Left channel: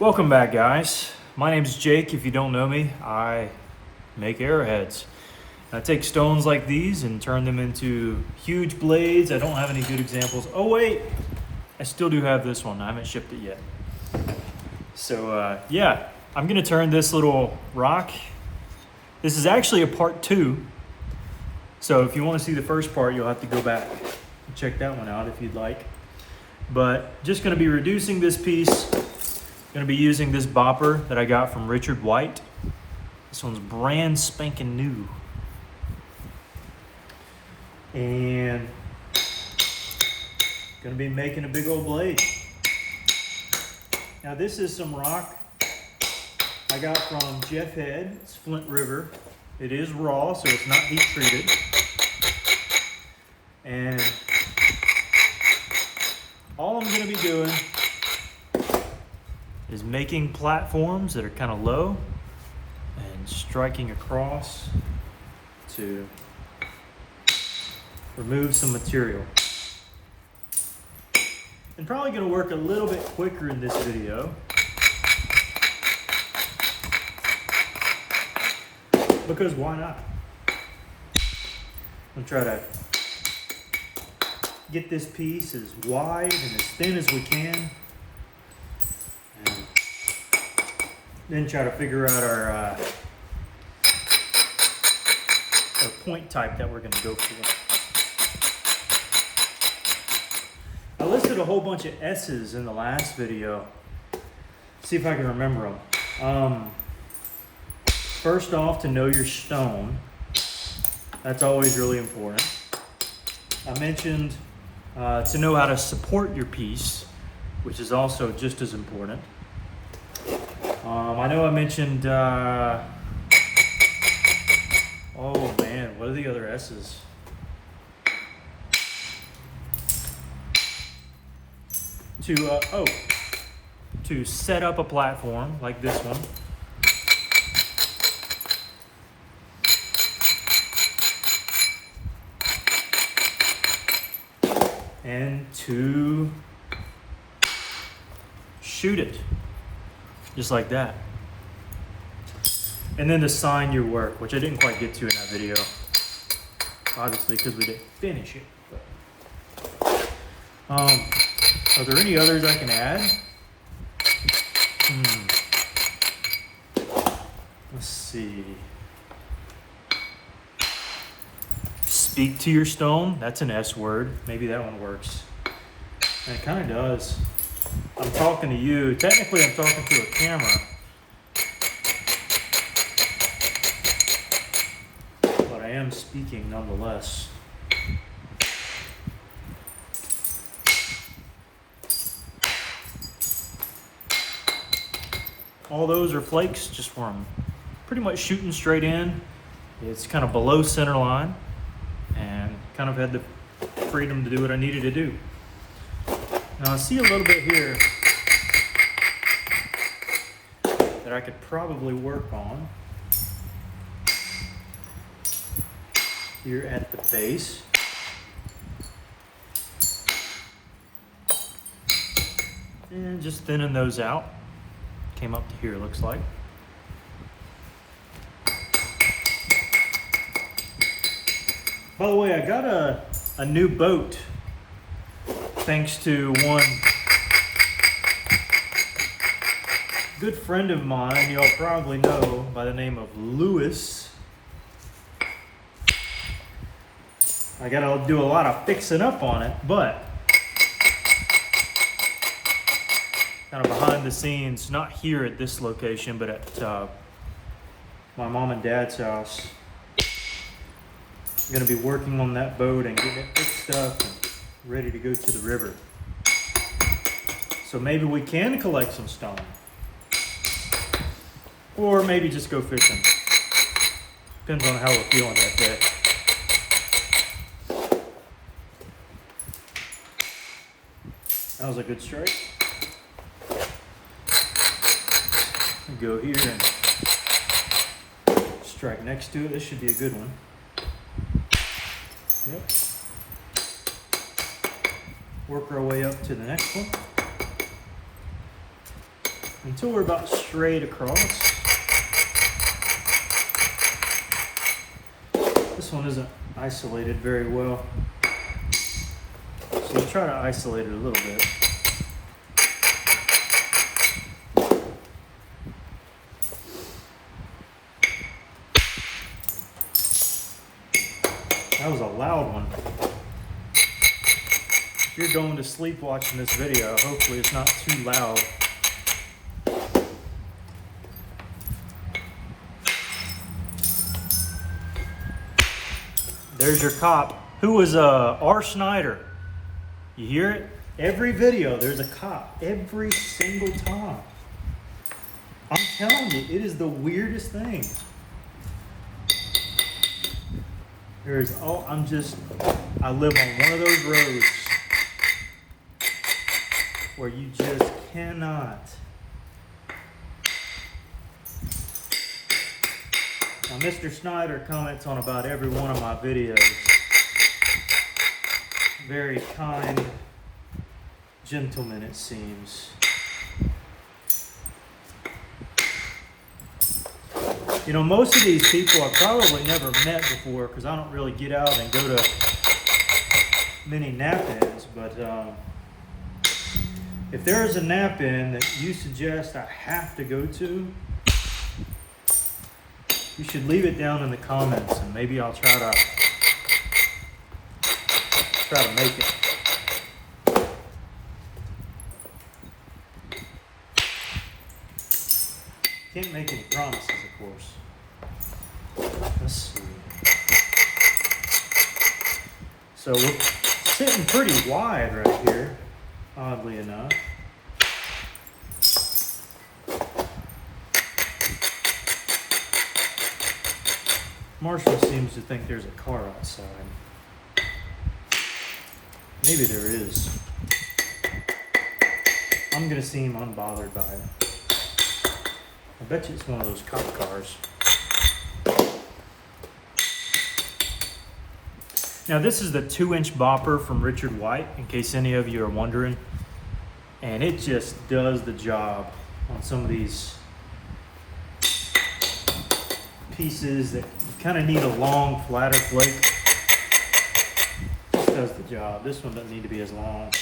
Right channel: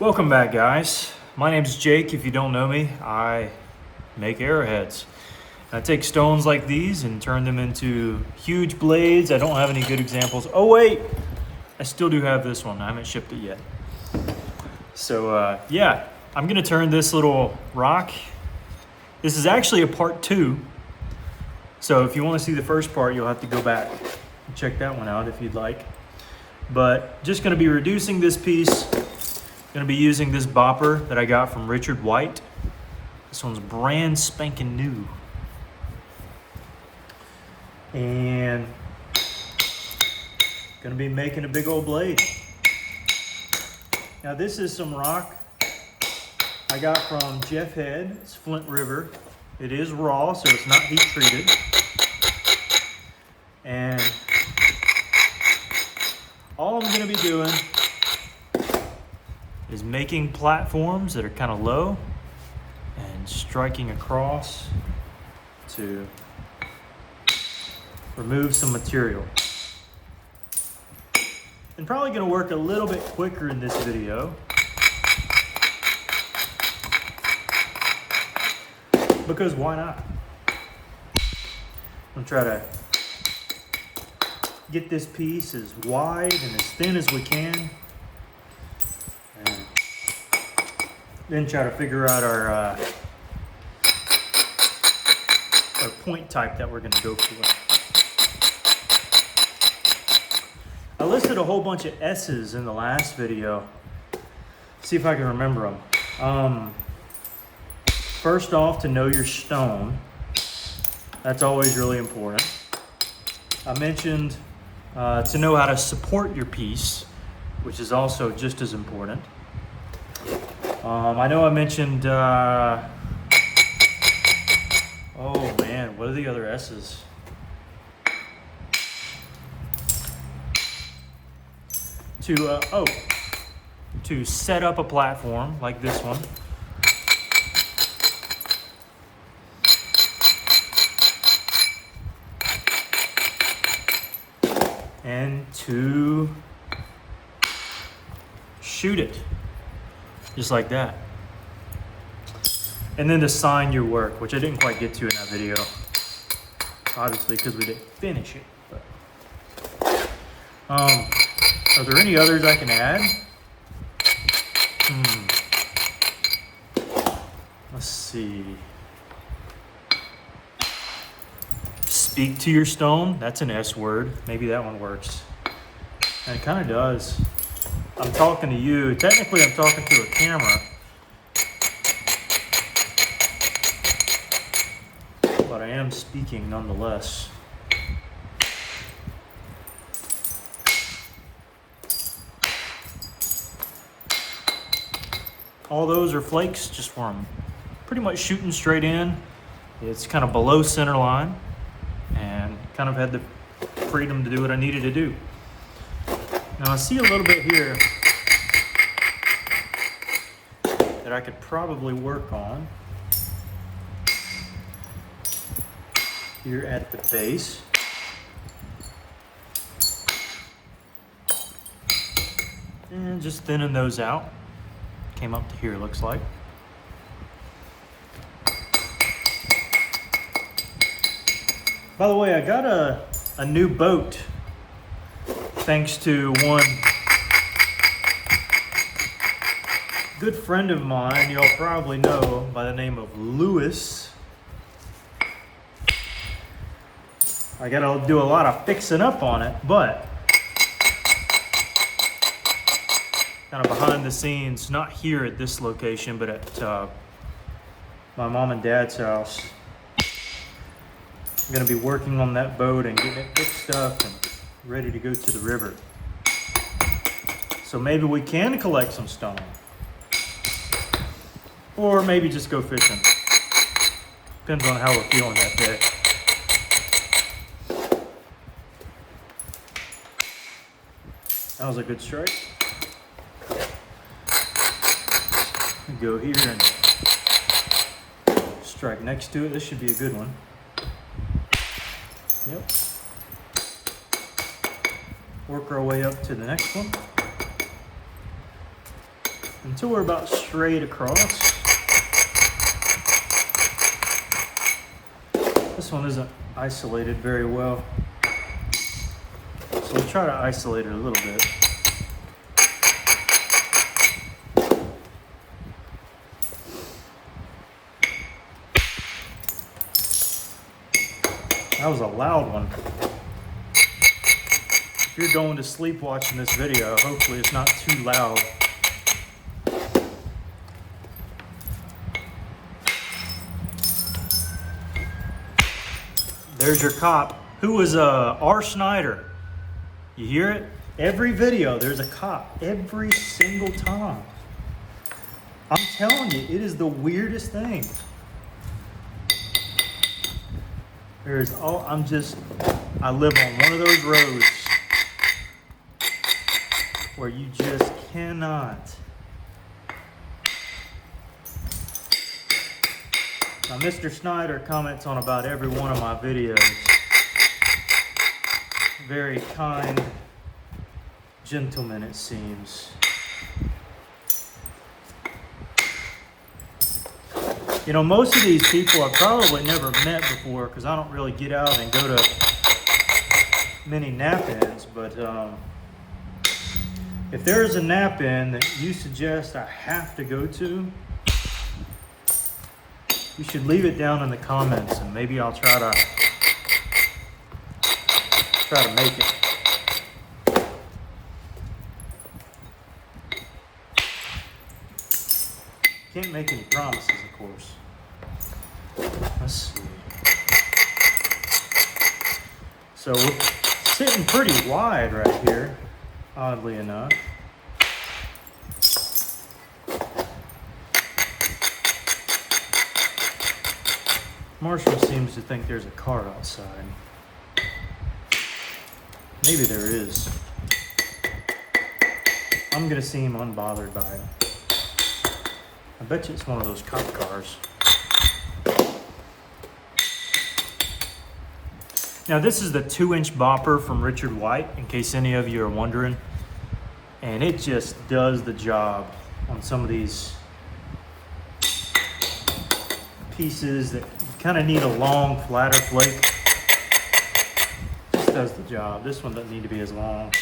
Welcome back, guys. My name's Jake. If you don't know me, I make arrowheads. I take stones like these and turn them into huge blades. I don't have any good examples. Oh wait, I still do have this one. I haven't shipped it yet. So yeah, I'm gonna turn this little rock. This is actually a part 2. So if you want to see the first part, you'll have to go back and check that one out if you'd like. But just gonna be reducing this piece. Gonna be using this bopper that I got from Richard White. This one's brand spanking new. And gonna be making a big old blade. Now this is some rock I got from Jeff Head. It's Flint River. It is raw, so it's not heat treated. And all I'm gonna be doing is making platforms that are kind of low and striking across to remove some material. I'm probably going to work a little bit quicker in this video because why not? I'm trying to get this piece as wide and as thin as we can. And then try to figure out our point type that we're going to go for. I listed a whole bunch of S's in the last video. See if I can remember them. First off, to know your stone. That's always really important. I mentioned to know how to support your piece, which is also just as important. I know I mentioned, oh man, what are the other S's? To set up a platform like this one. And to shoot it, just like that. And then to sign your work, which I didn't quite get to in that video, obviously because we didn't finish it. But, are there any others I can add? Let's see. Speak to your stone. That's an S word. Maybe that one works. And it kind of does. I'm talking to you. Technically, I'm talking to a camera. But I am speaking nonetheless. All those are flakes, just where I'm pretty much shooting straight in. It's kind of below center line and kind of had the freedom to do what I needed to do. Now I see a little bit here that I could probably work on here at the base. And just thinning those out. Came up to here, looks like. By the way, I got a new boat thanks to one good friend of mine y'all probably know by the name of Lewis. I gotta do a lot of fixing up on it, but kind of behind the scenes, not here at this location, but at my mom and dad's house. I'm gonna be working on that boat and getting it fixed up and ready to go to the river. So maybe we can collect some stone. Or maybe just go fishing. Depends on how we're feeling that day. That was a good strike. Go here and strike next to it. This should be a good one. Yep. Work our way up to the next one. until we're about straight across. This one isn't isolated very well, so we'll try to isolate it a little bit. That was a loud one. If you're going to sleep watching this video, hopefully it's not too loud. There's your cop. Who was R. Snyder? You hear it? Every video, there's a cop. Every single time. I'm telling you, it is the weirdest thing. I live on one of those roads where you just cannot. Now, Mr. Snyder comments on about every one of my videos. Very kind gentleman, it seems. You know, most of these people I've probably never met before because I don't really get out and go to many nap-ins, but if there is a nap-in that you suggest I have to go to, you should leave it down in the comments and maybe I'll try to make it. Can't make any promises, of course. Let's see. So we're sitting pretty wide right here, oddly enough. Marshall seems to think there's a car outside. Maybe there is. I'm gonna seem unbothered by it. I bet you it's one of those cop cars. Now this is the 2-inch bopper from Richard White, in case any of you are wondering. And it just does the job on some of these pieces that kind of need a long, flatter flake. This does the job. This one doesn't need to be as long.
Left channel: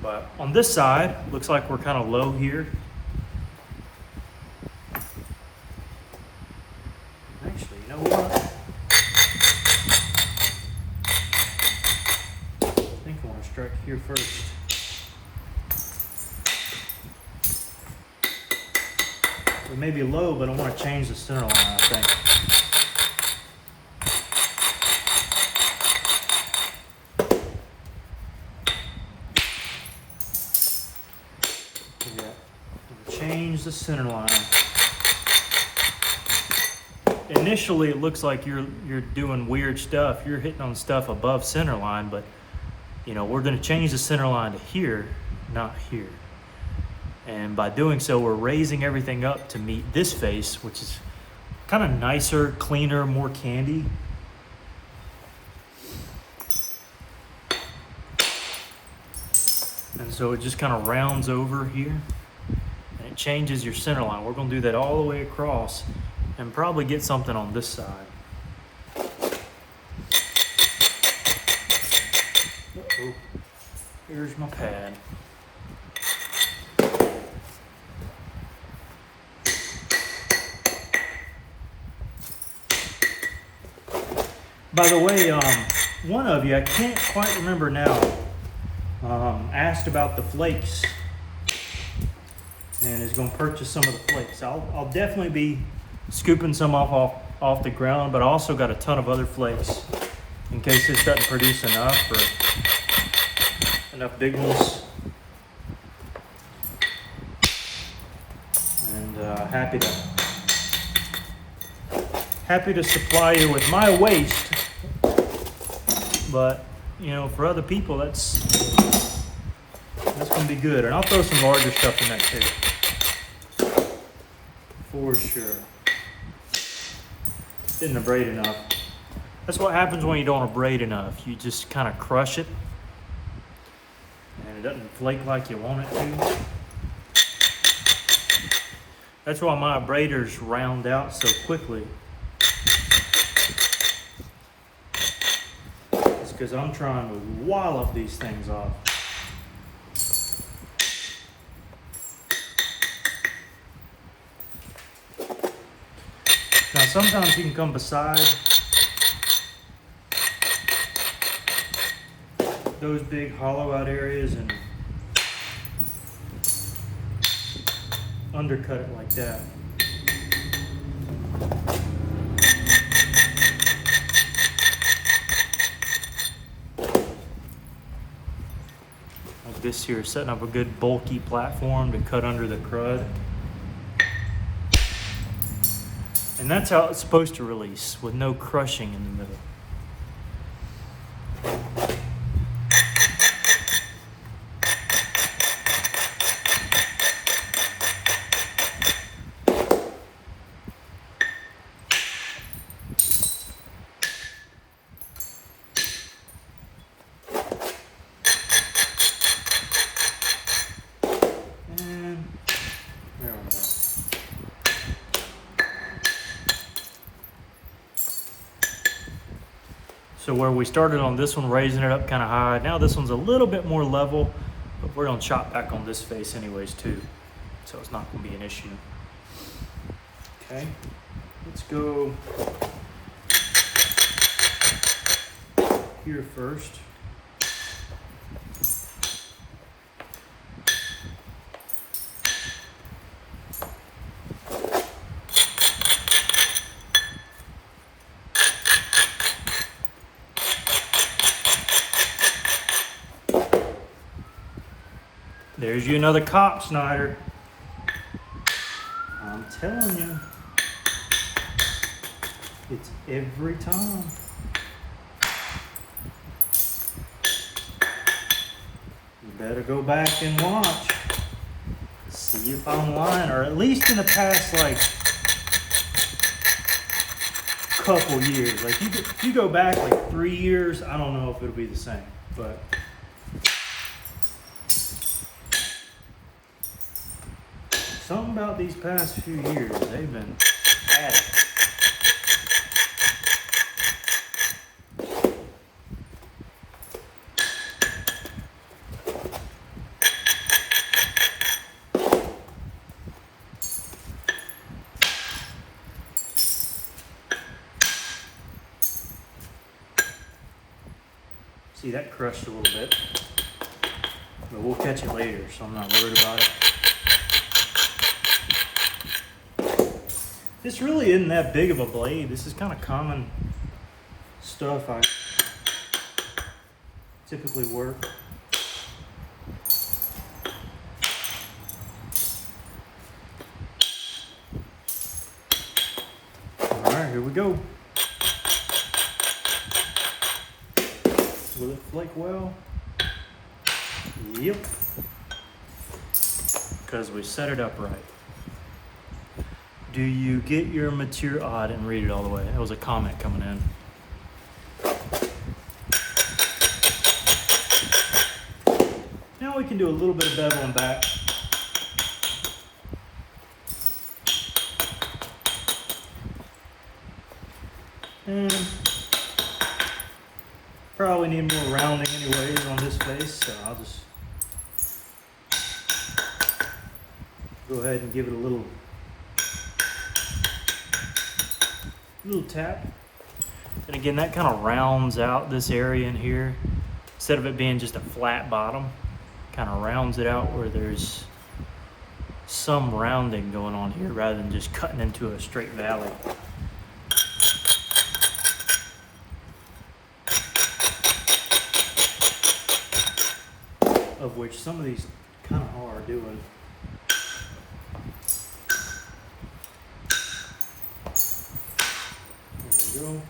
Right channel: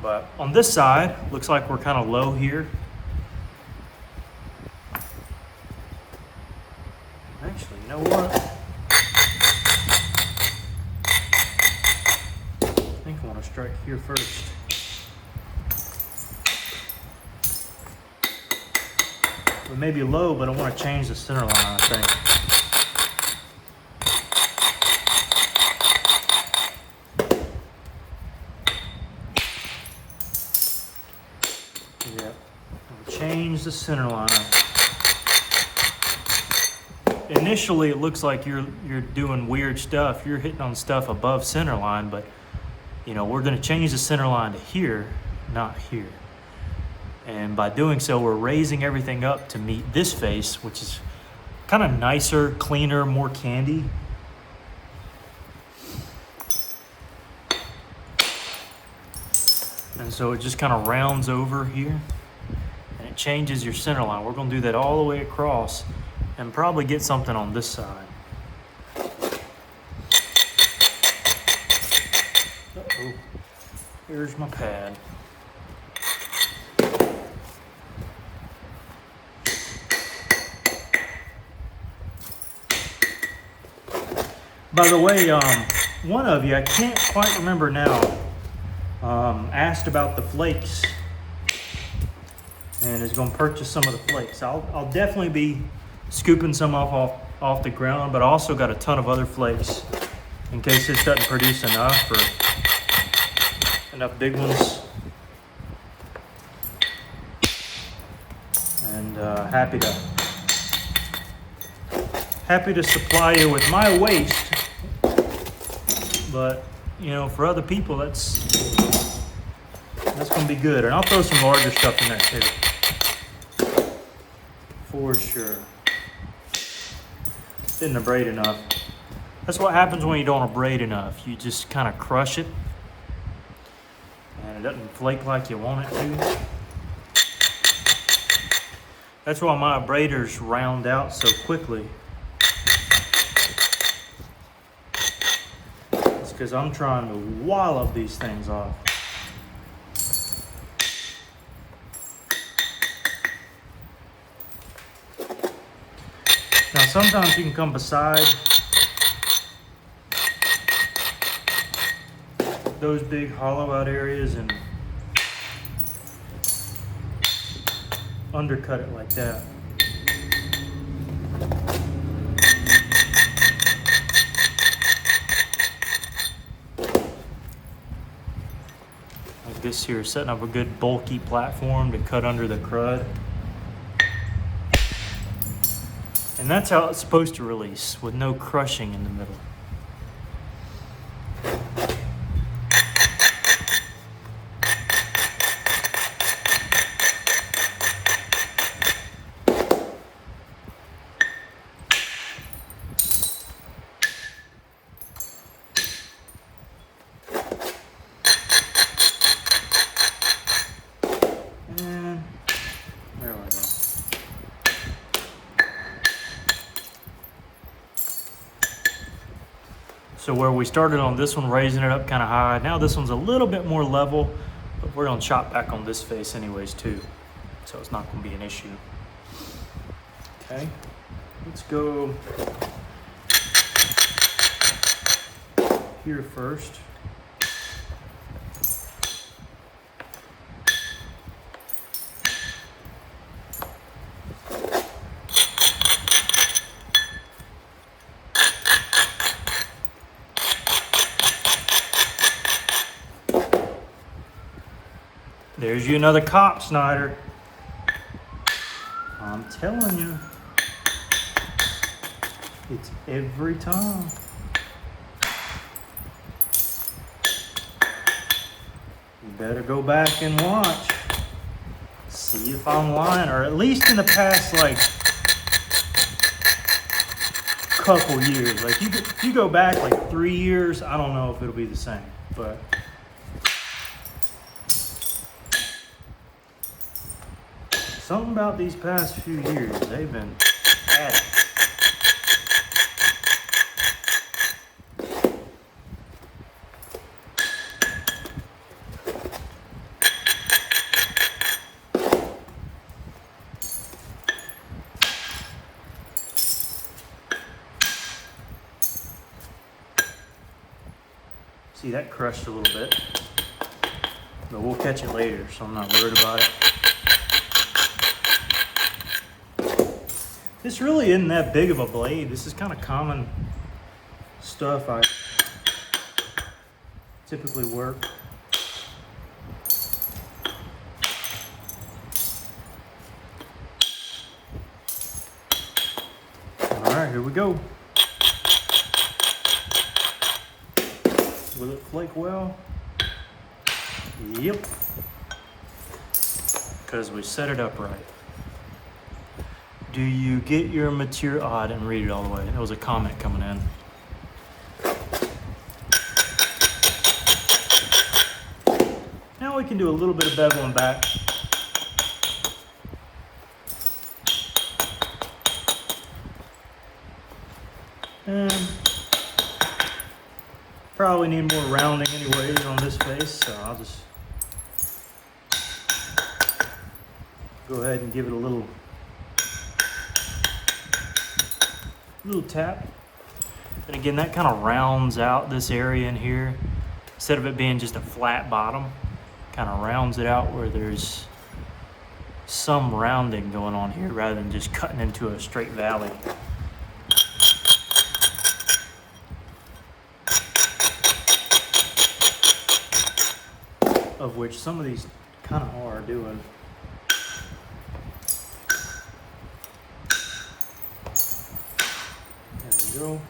But on this side, looks like we're kind of low here. Actually, you know what? I think I want to strike here first. We may be low, but I want to change the center line, I think. Yep. Change the center line. Initially, it looks like you're doing weird stuff. You're hitting on stuff above center line, but you know, we're going to change the center line to here, not here. And by doing so, we're raising everything up to meet this face, which is kind of nicer, cleaner, more candy. And so it just kind of rounds over here and it changes your center line. We're going to do that all the way across and probably get something on this side. Uh-oh. Here's my pad. By the way, one of you, I can't quite remember now, asked about the flakes and is going to purchase some of the flakes. I'll definitely be scooping some off the ground, but I also got a ton of other flakes in case this doesn't produce enough or enough big ones. And happy to supply you with my waste. But, you know, for other people, that's going to be good. And I'll throw some larger stuff in that too. For sure. Didn't abrade enough. That's what happens when you don't abrade enough. You just kind of crush it. and it doesn't flake like you want it to. That's why my abraders round out so quickly. It's because I'm trying to wallop these things off. Now sometimes you can come beside those big hollow out areas and undercut it like that. Like this here, setting up a good bulky platform to cut under the crud. And that's how it's supposed to release, with no crushing in the middle. And there we go. So where we started on this one, raising it up kind of high, now this one's a little bit more level, but we're gonna chop back on this face anyways too. So it's not gonna be an issue. Okay, let's go here first. There's you another cop, Snyder. I'm telling you. It's every time. You better go back and watch. See if I'm lying, or at least in the past, like, couple years. Like, if you go back like 3 years, I don't know if it'll be the same, but something about these past few years, they've been at it. See, that crushed a little bit, but we'll catch it later, so I'm not worried about it. This really isn't that big of a blade. This is kind of common stuff I typically work. All right, here we go. Will it flake well? Yep. Because we set it up right. Do you get your material? Oh, I didn't read it all the way. That was a comment coming in. Now we can do a little bit of beveling back. And probably need more rounding anyways on this face, so I'll just go ahead and give it a little tap. And again, that kind of rounds out this area in here. Instead of it being just a flat bottom, kind of rounds it out where there's some rounding going on here rather than just cutting into a straight valley. Of which some of these kind of are doing. There we go.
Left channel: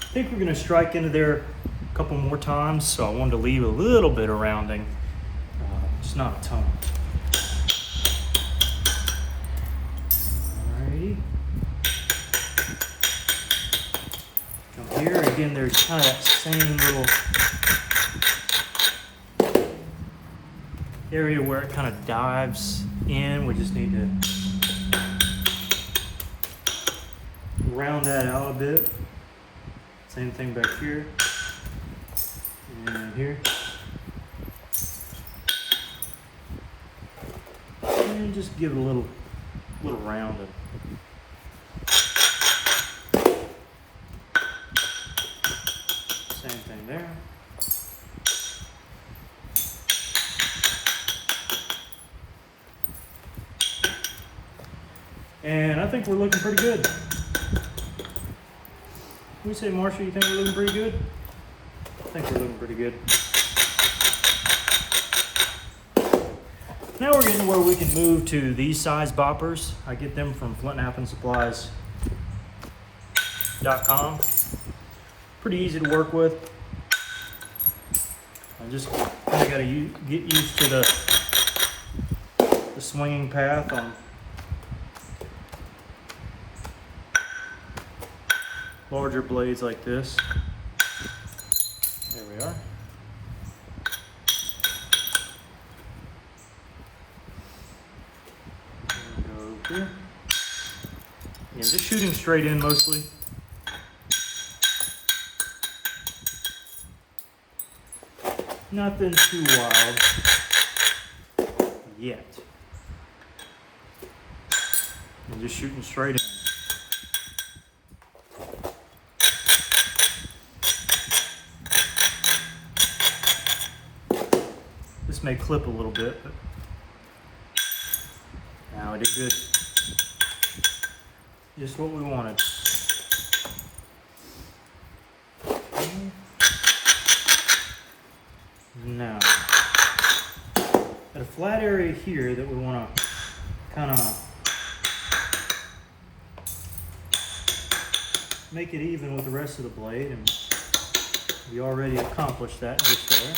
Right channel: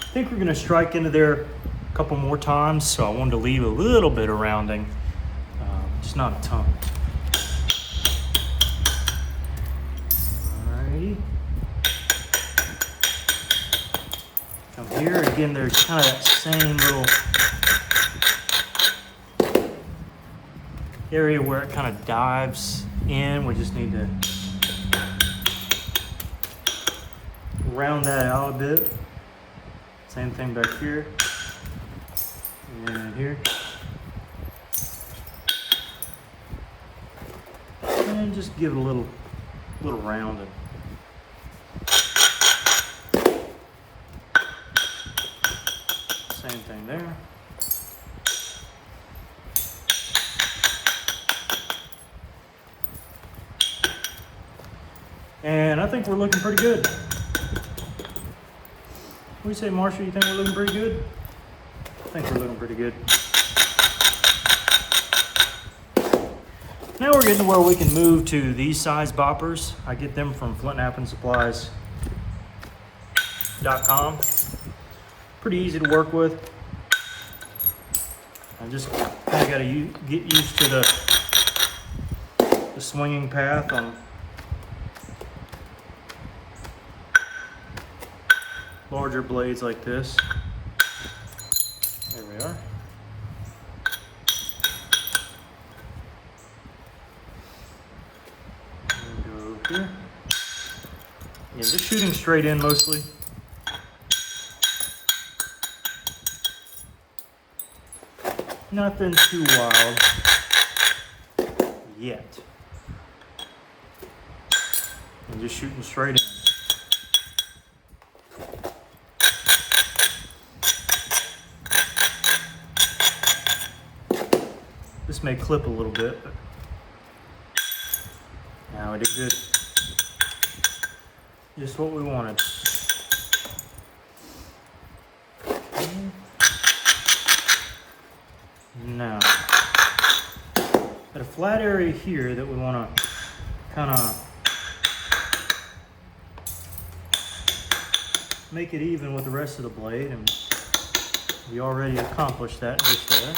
I think we're going to strike into there a couple more times, so I wanted to leave a little bit of rounding, just not a ton. Come here, again, there's kind of that same little area where it kind of dives in. We just need to round that out a bit. Same thing back here and here. And just give it a little rounding. Same thing there. And I think we're looking pretty good. What do you say, Marshall? You think we're looking pretty good? I think we're looking pretty good. Now we're getting where we can move to these size boppers. I get them from flintnappingSupplies.com. Pretty easy to work with. I just kind of got to get used to the swinging path on larger blades like this. There we are. And go over here. Yeah, just shooting straight in mostly. Nothing too wild yet. And just shooting straight in. This may clip a little bit, but now I did good. Just what we wanted. Now, at a flat area here that we want to kind of make it even with the rest of the blade, and we already accomplished that just there.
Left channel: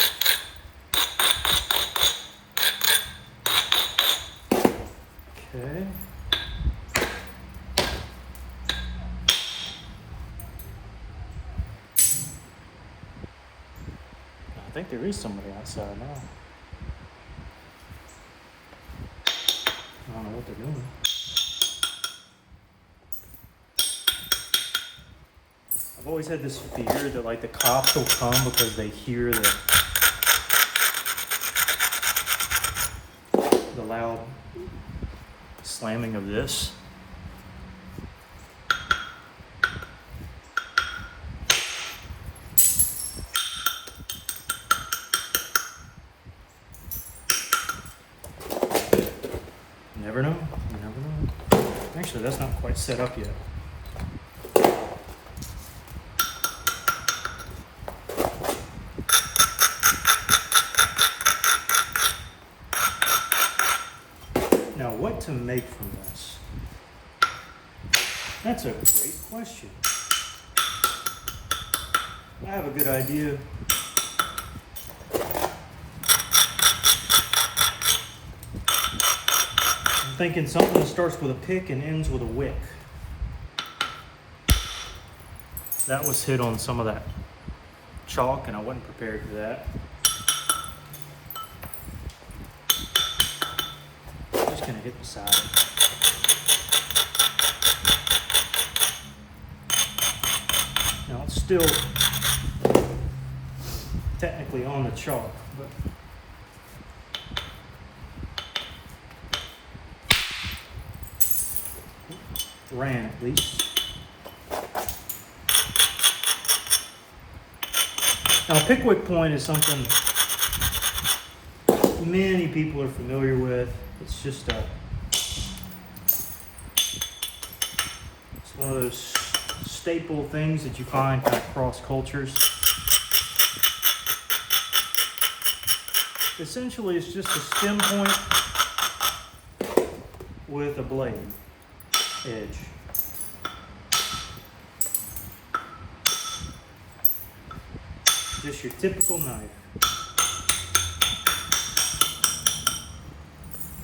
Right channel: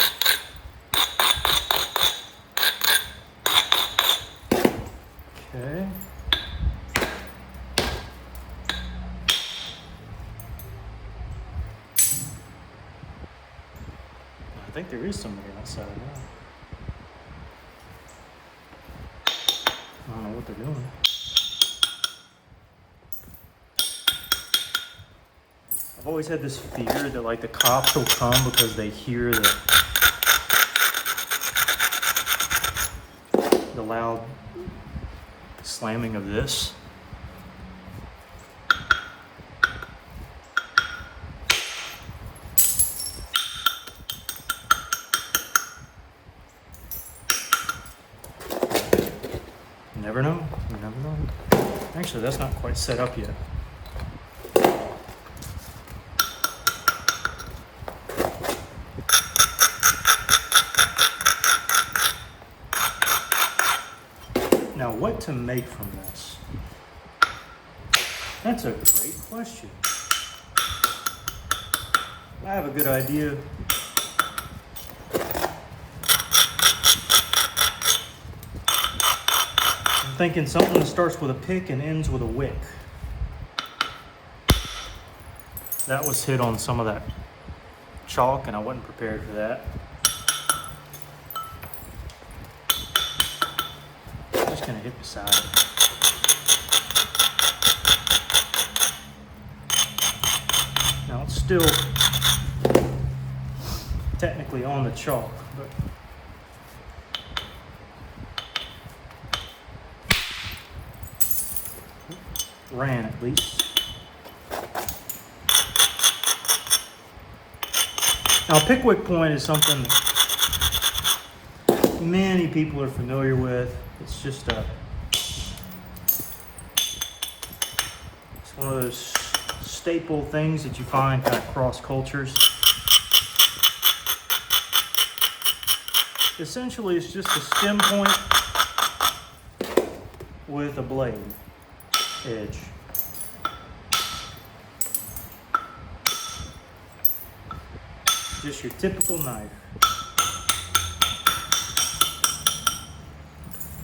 Okay. I think there is somebody outside now. I don't know what they're doing. I've always had this fear that like the cops will come because they hear the loud slamming of this. Never know. You never know. Actually, that's not quite set up yet. Now, what to make from this? That's a great question. I have a good idea. I'm thinking something that starts with a pick and ends with a wick. That was hit on some of that chalk, and I wasn't prepared for that. I'm just gonna hit beside it. Now it's still technically on the chalk, but ran at least. Now, Pickwick point is something that many people are familiar with. It's just it's one of those staple things that you find kind of cross cultures. Essentially, it's just a stem point with a blade edge. Just your typical knife.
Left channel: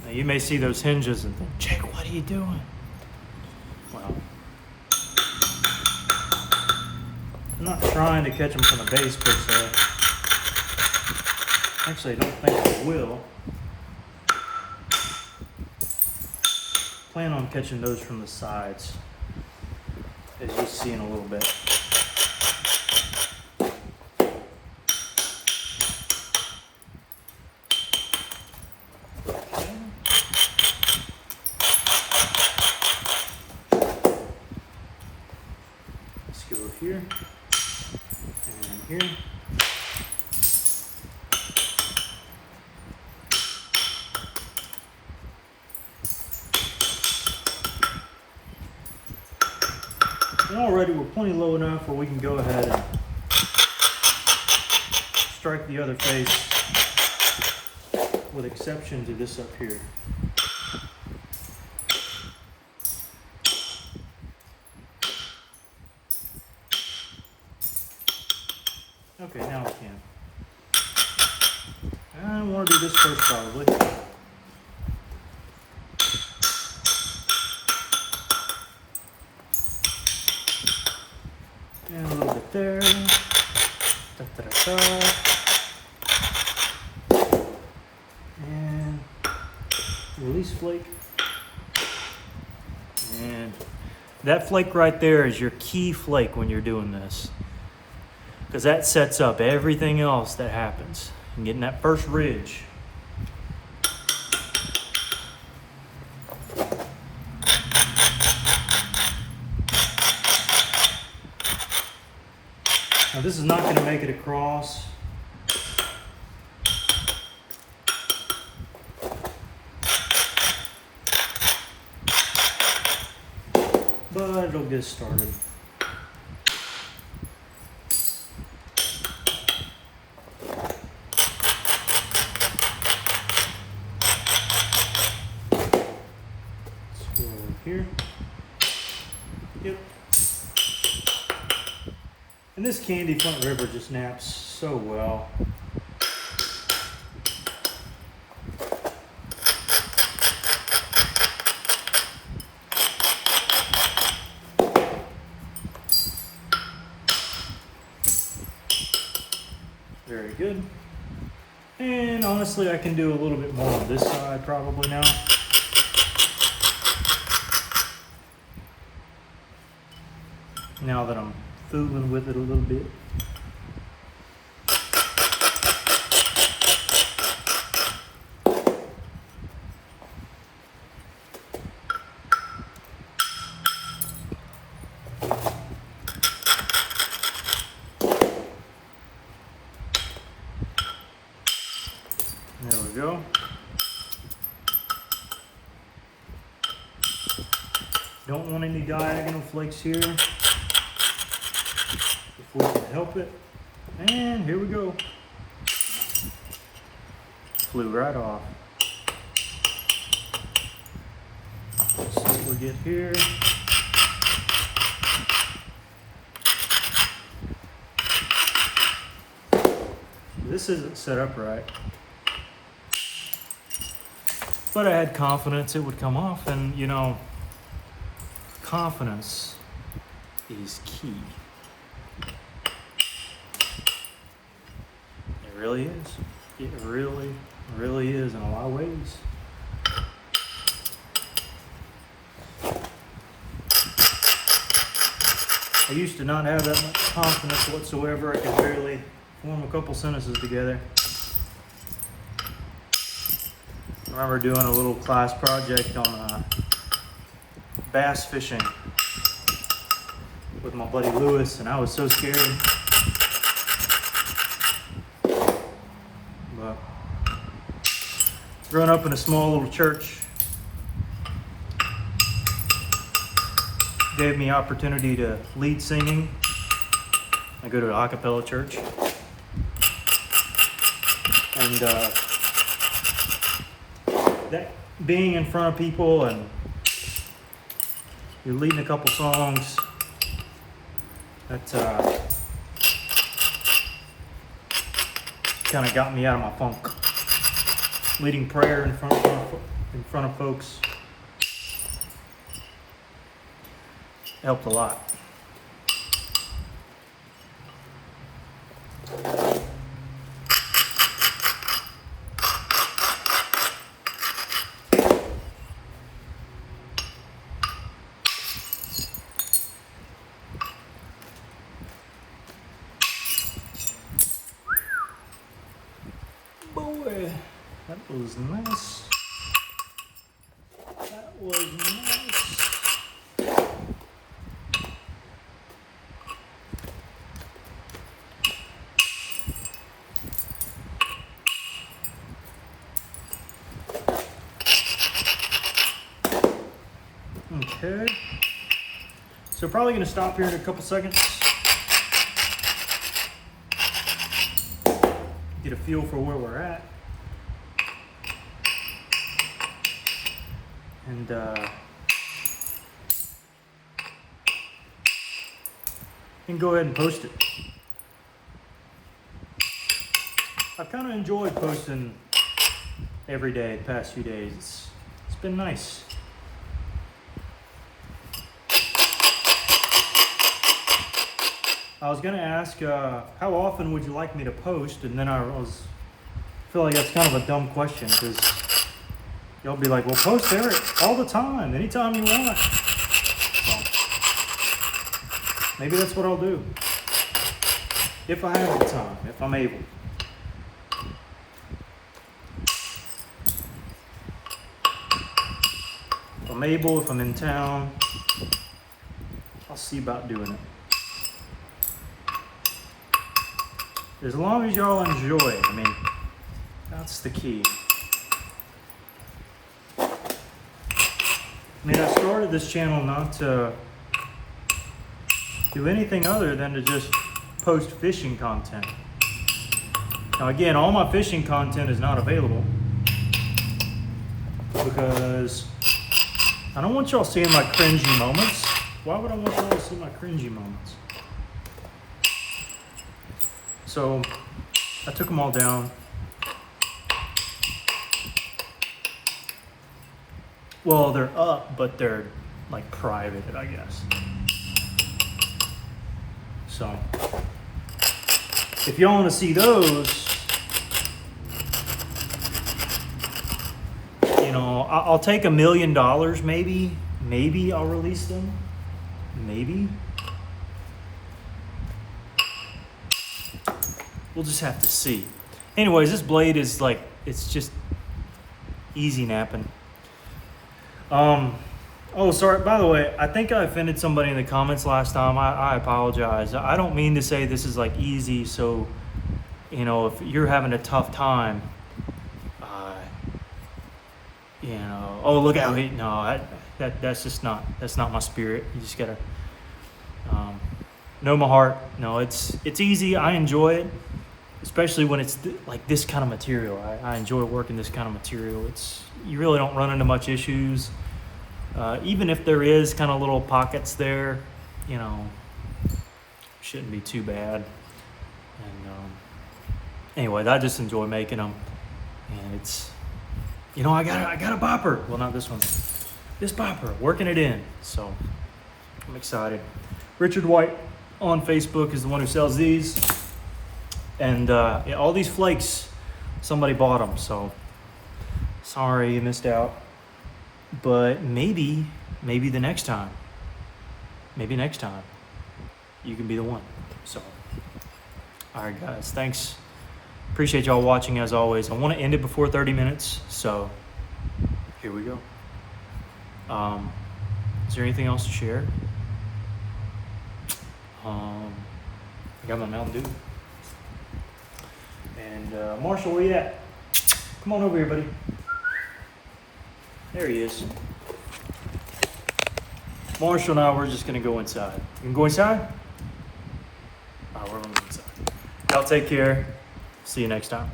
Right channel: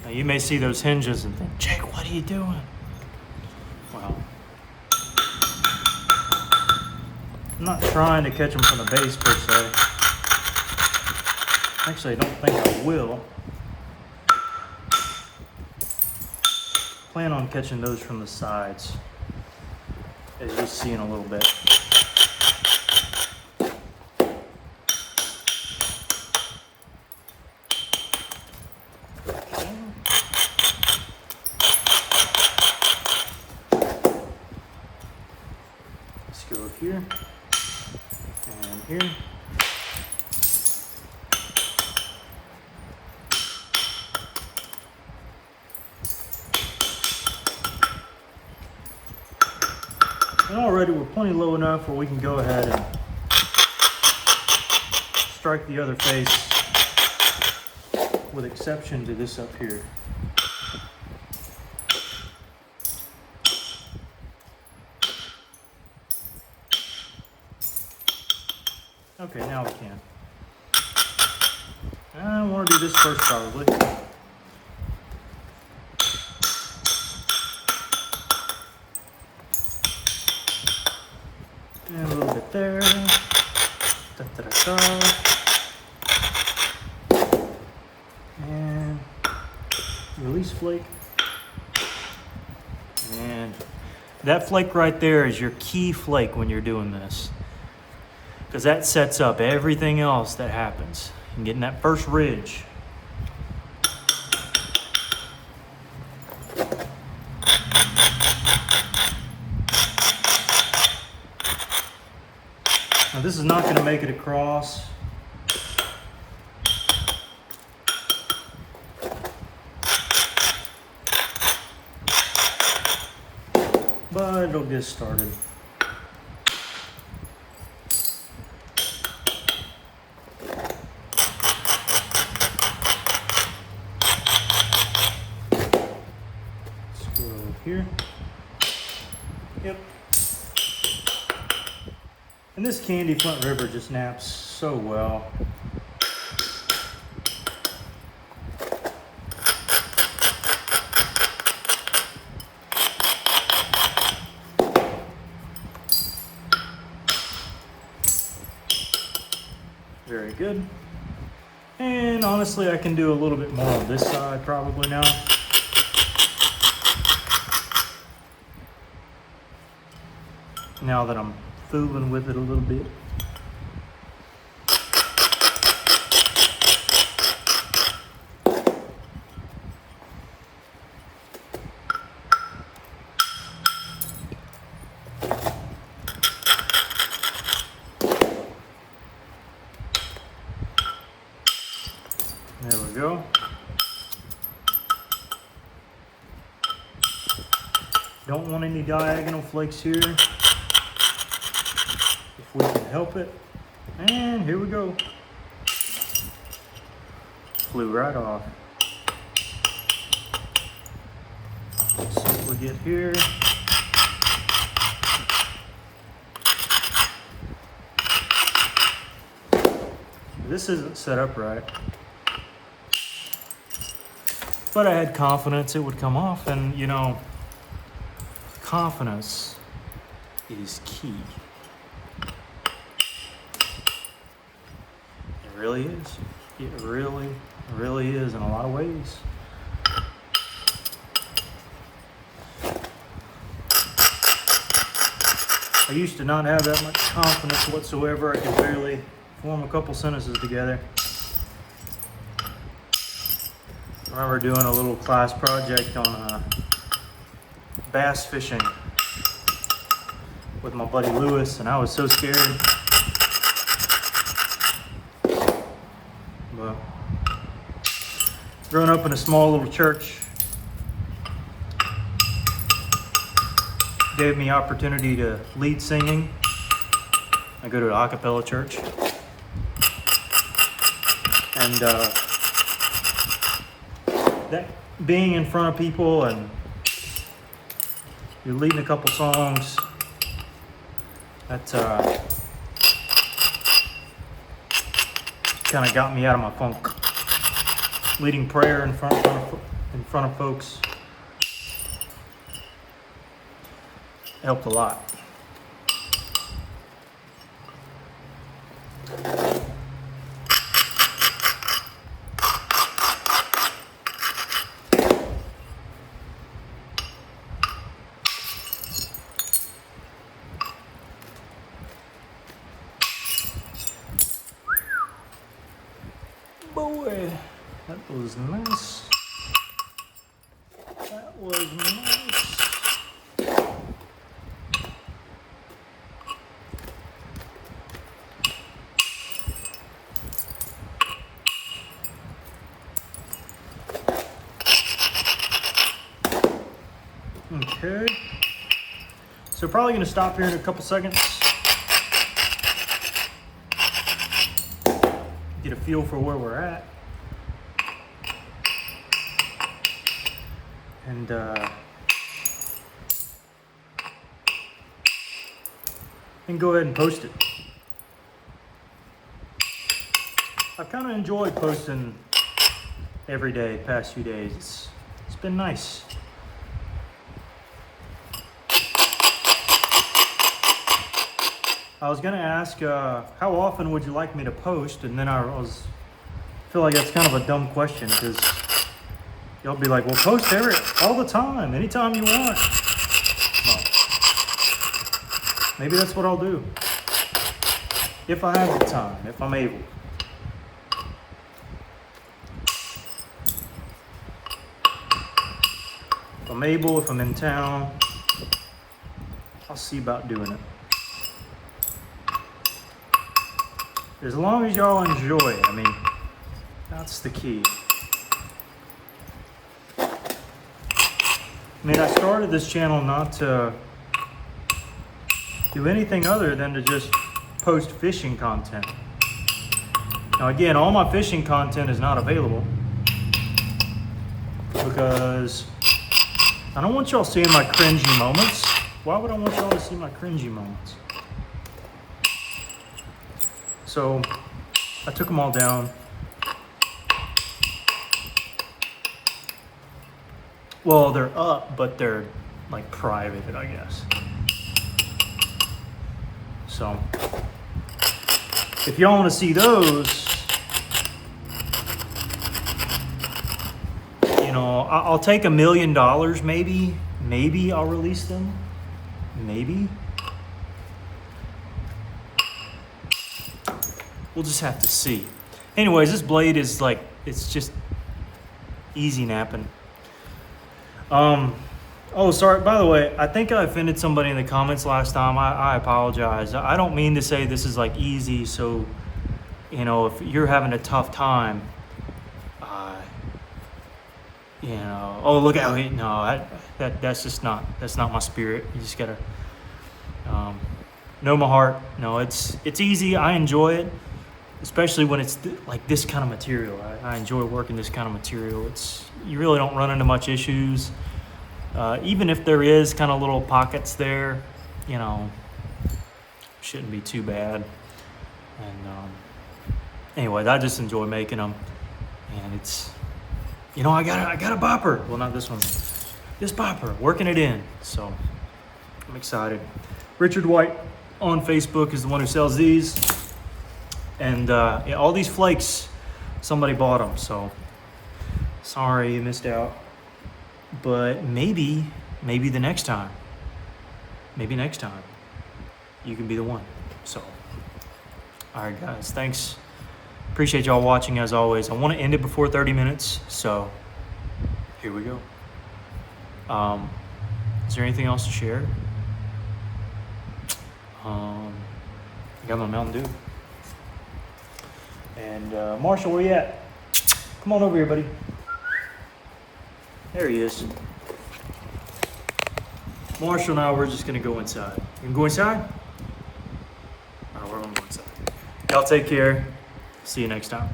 Now you may see those hinges and think, Jake, what are you doing? Well, I'm not trying to catch them from the base per se. Actually, I don't think I will. Plan on catching those from the sides, as you'll see in a little bit. Let's go here and here. And already we're plenty low enough where we can go ahead and strike the other face, with exception to this up here. Okay, now we can. I want to do this first probably. And a little bit there. Da, da, da, da. And release flake. And that flake right there is your key flake when you're doing this, because that sets up everything else that happens. And getting that first ridge. Now this is not going to make it across. But it'll get started. Let's go over here. Yep. And this candy Flint River just naps so well. Very good. And honestly, I can do a little bit more on this side probably now. Now that I'm fooling with it a little bit. There we go. Don't want any diagonal flakes here, if we can help it. And here we go. Flew right off. Let's see what we get here. This isn't set up right. But I had confidence it would come off, and you know, confidence is key. It really is. It really, really is in a lot of ways. I used to not have that much confidence whatsoever. I could barely form a couple sentences together. I remember doing a little class project on bass fishing with my buddy Lewis, and I was so scared. But growing up in a small little church gave me opportunity to lead singing. I go to an a cappella church, and that being in front of people and you're leading a couple songs, that kind of got me out of my funk. Leading prayer in front of folks helped a lot. Okay. So probably gonna stop here in a couple seconds. Get a feel for where we're at. And go ahead and post it. I've kind of enjoyed posting every day, past few days. It's been nice. I was gonna ask, how often would you like me to post? And then I feel like that's kind of a dumb question because y'all be like, well, post Eric all the time, anytime you want. Well, maybe that's what I'll do. If I have the time, if I'm able. If I'm able, if I'm in town, I'll see about doing it. As long as y'all enjoy it, I mean, that's the key. I mean, I started this channel not to do anything other than to just post fishing content. Now again, all my fishing content is not available because I don't want y'all seeing my cringy moments. Why would I want y'all to see my cringy moments? So I took them all down. Well, they're up, but they're like private, I guess. So if y'all want to see those, you know, I'll take $1 million, maybe. Maybe I'll release them. Maybe. We'll just have to see. Anyways, this blade is like, it's just easy napping. Oh, sorry, by the way, I think I offended somebody in the comments last time. I apologize. I don't mean to say this is like easy, so, you know, if you're having a tough time, you know, oh, look out, no, that's just not, that's not my spirit. You just gotta know my heart. No, it's easy. I enjoy it. Especially when it's like this kind of material. I enjoy working this kind of material. You really don't run into much issues. Even if there is kind of little pockets there, you know, shouldn't be too bad. And anyway, I just enjoy making them. And it's, you know, I got a bopper. Well, not this one. This bopper, working it in. So I'm excited. Richard White on Facebook is the one who sells these. And yeah, all these flakes, somebody bought them, so sorry you missed out. But maybe the next time, maybe next time, you can be the one. So, all right, guys, thanks. Appreciate y'all watching as always. I want to end it before 30 minutes, so here we go. Is there anything else to share? I got my Mountain Dew. And Marshall, where you at? Come on over here, buddy. There he is. Marshall and I, we're just gonna go inside. You can go inside? All right, we're gonna go inside. Y'all take care. See you next time.